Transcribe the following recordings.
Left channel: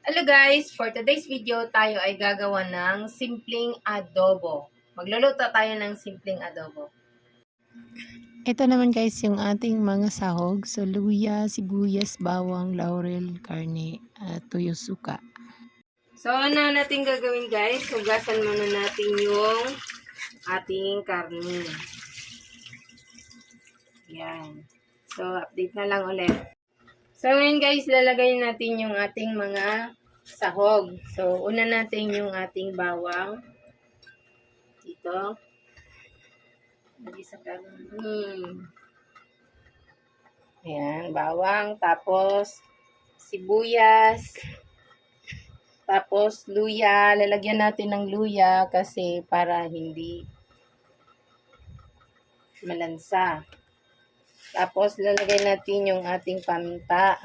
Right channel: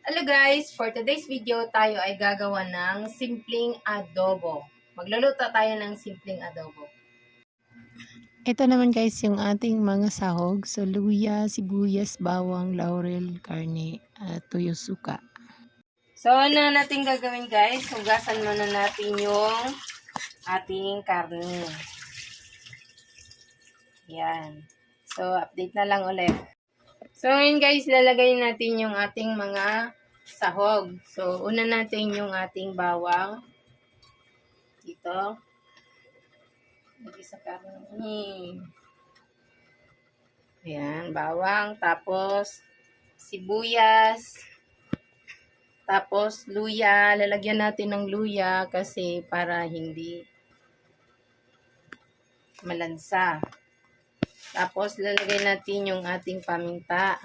Hello guys! For today's video, tayo ay gagawa ng simpleng adobo. Magluluto tayo ng simpleng adobo. Ito naman guys yung ating mga sahog. So, luya, sibuyas, bawang, laurel, karne, at tuyo suka. So, ano natin gagawin guys? Hugasan muna natin yung ating karne. Yan. So, update na lang ulit. So, ngayon guys, lalagay natin yung ating mga sahog. So, una natin yung ating bawang. Dito. Lagi sa karne. Ayan, bawang. Tapos, sibuyas. Tapos, luya. Lalagyan natin ng luya kasi para hindi malansa. Tapos, lalagay natin yung ating paminta.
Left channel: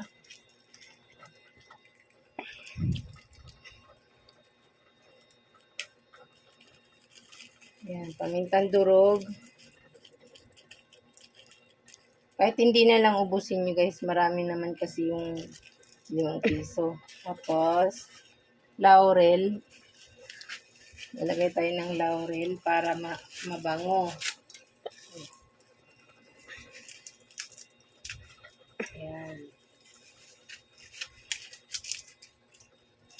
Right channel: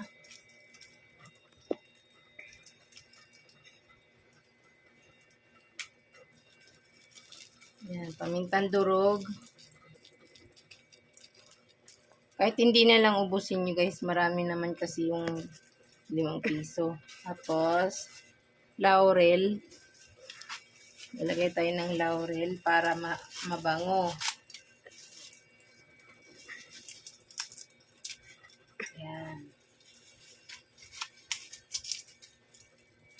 Yan, pamintang durog. Kahit hindi na lang ubusin nyo guys, marami naman kasi yung limang piso. Tapos, laurel. Lalagay tayo ng laurel para ma mabango.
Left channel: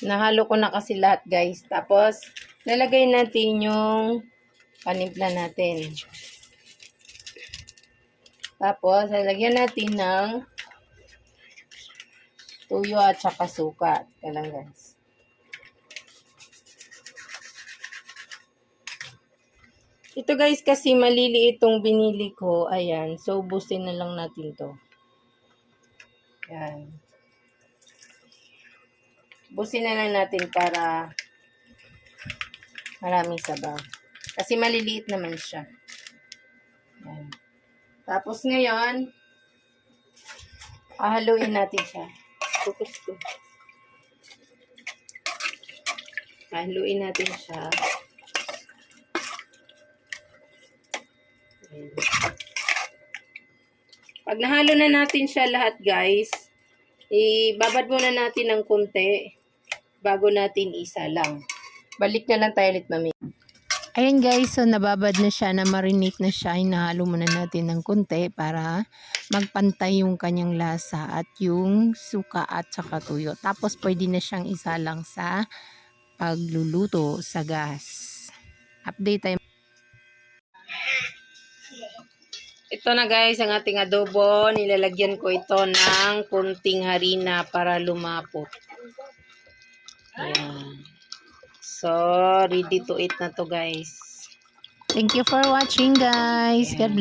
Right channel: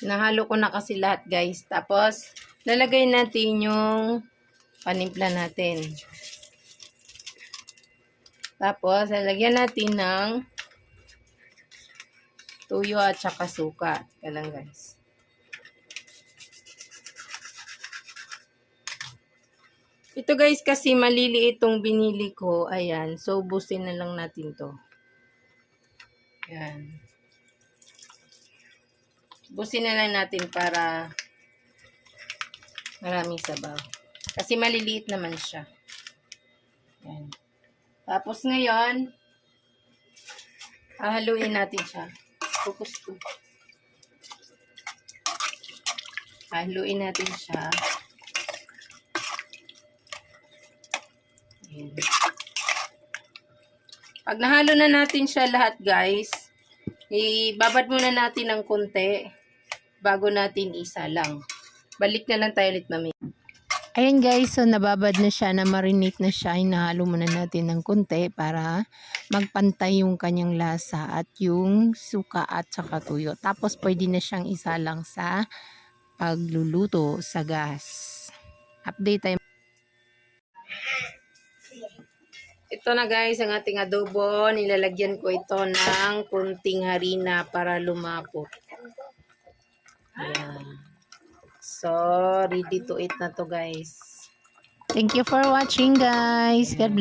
Nahalo ko na kasi lahat guys. Tapos, lalagay natin yung panimpla natin. Tapos, lalagyan natin ng tuyo at saka suka. Teka lang guys. Ito guys kasi maliliit itong binili ko. Ayan. So, ubusin na lang natin to. Ayan. Ubusin na lang natin para maraming sabaw. Kasi maliliit naman siya. Ayan. Tapos ngayon, hahaluin natin siya. Focus ko. Hahaluin natin siya. Ayan. Pag nahalo na natin siya lahat, guys, ibabad muna natin ng kunti bago natin isa lang. Balik na lang tayo ulit mami. Ayan guys, so nababad na siya, na marinate na siya. Hinahalo muna natin ng konti para magpantay yung kanyang lasa at yung suka at saka tuyo. Tapos pwede na siyang isalang sa pagluluto sa gas. Update tayo. Ito na guys, ang ating adobo. Nilalagyan ko ito ng kunting harina para lumapot. Ayan. So, ready to eat na to guys. Thank you for watching guys. God bless.